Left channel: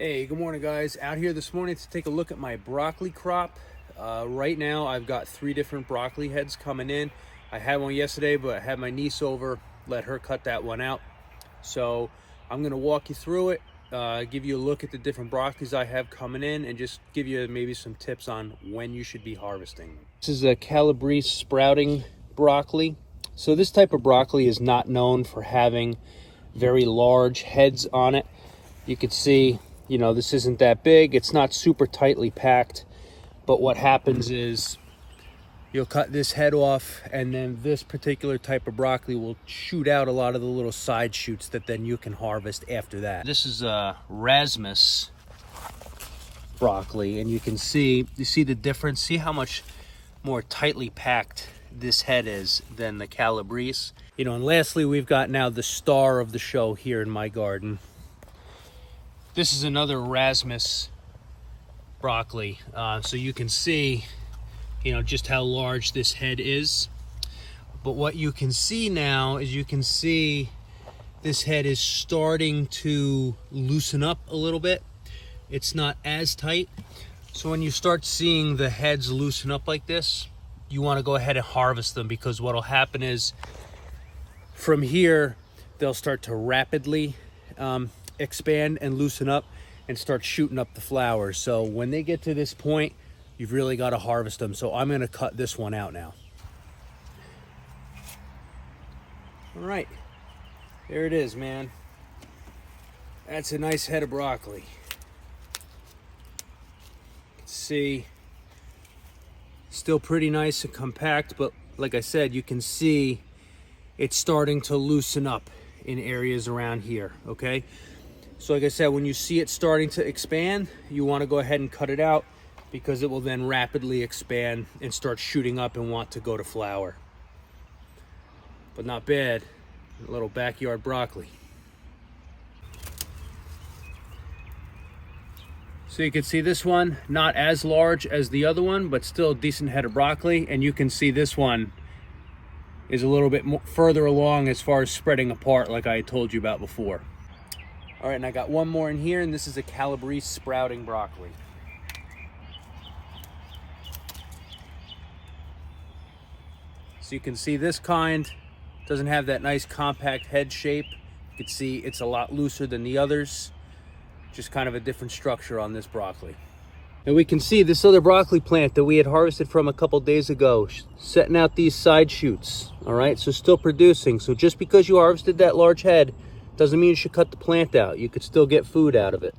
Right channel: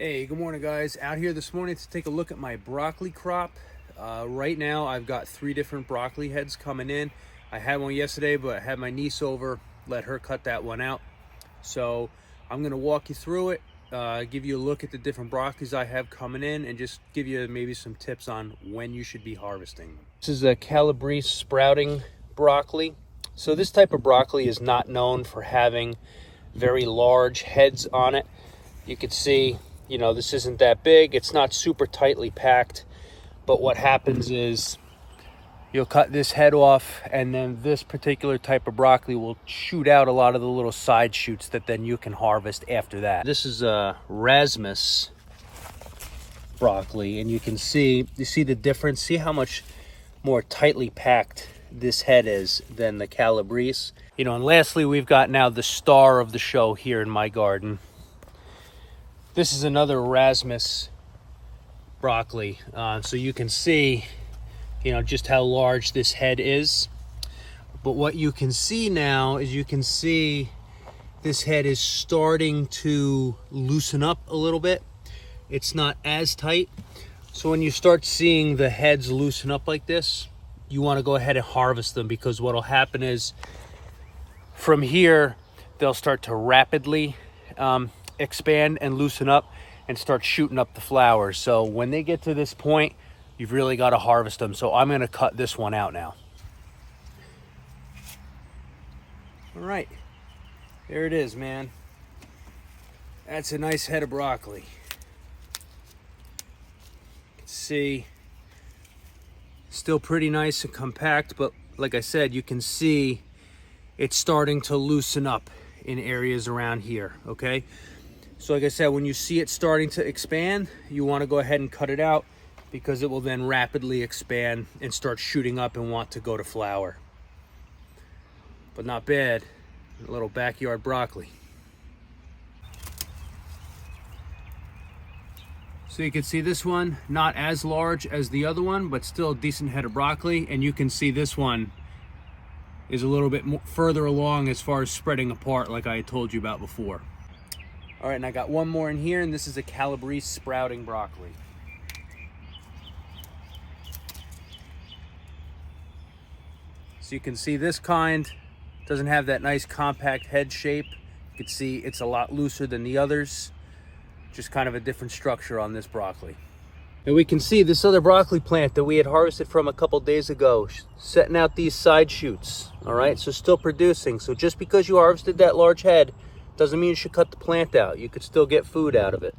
Hey, good morning guys. Out here this morning to take a look at my broccoli crop. Right now I've got 3 different broccoli heads coming in. I had one yesterday, but I had my niece over, let her cut that one out. So I'm gonna walk you through it, give you a look at the different broccolis I have coming in, and just give you maybe some tips on when you should be harvesting them. This is a Calabrese sprouting broccoli. So this type of broccoli is not known for having very large heads on it. You can see, this isn't that big. It's not super tightly packed, but what happens is you'll cut this head off, and then this particular type of broccoli will shoot out a lot of the little side shoots that then you can harvest after that. This is a Rasmus broccoli, and you see the difference. See how much more tightly packed this head is than the Calabrese. And lastly, we've got now the star of the show here in my garden. This is another Rasmus broccoli. So you can see, just how large this head is. But what you can see now is this head is starting to loosen up a little bit. It's not as tight. So when you start seeing the heads loosen up like this, you want to go ahead and harvest them, because what will happen is from here, they'll start to rapidly expand and loosen up and start shooting up the flowers. So when they get to this point, you've really got to harvest them. So I'm going to cut this one out now. All right, there it is, man. That's a nice head of broccoli. You can see, still pretty nice and compact, but like I said, you can see it's starting to loosen up in areas around here, okay? So like I said, when you see it starting to expand, you want to go ahead and cut it out, because it will then rapidly expand and start shooting up and want to go to flower. But not bad, a little backyard broccoli. So you can see this one, not as large as the other one, but still a decent head of broccoli. And you can see this one is a little bit more further along as far as spreading apart, like I told you about before. All right, and I got one more in here, and this is a Calabrese sprouting broccoli. So you can see this kind doesn't have that nice compact head shape. You can see it's a lot looser than the others. Just kind of a different structure on this broccoli. And we can see this other broccoli plant that we had harvested from a couple days ago, setting out these side shoots. All right, so still producing. So just because you harvested that large head doesn't mean you should cut the plant out. You could still get food out of it.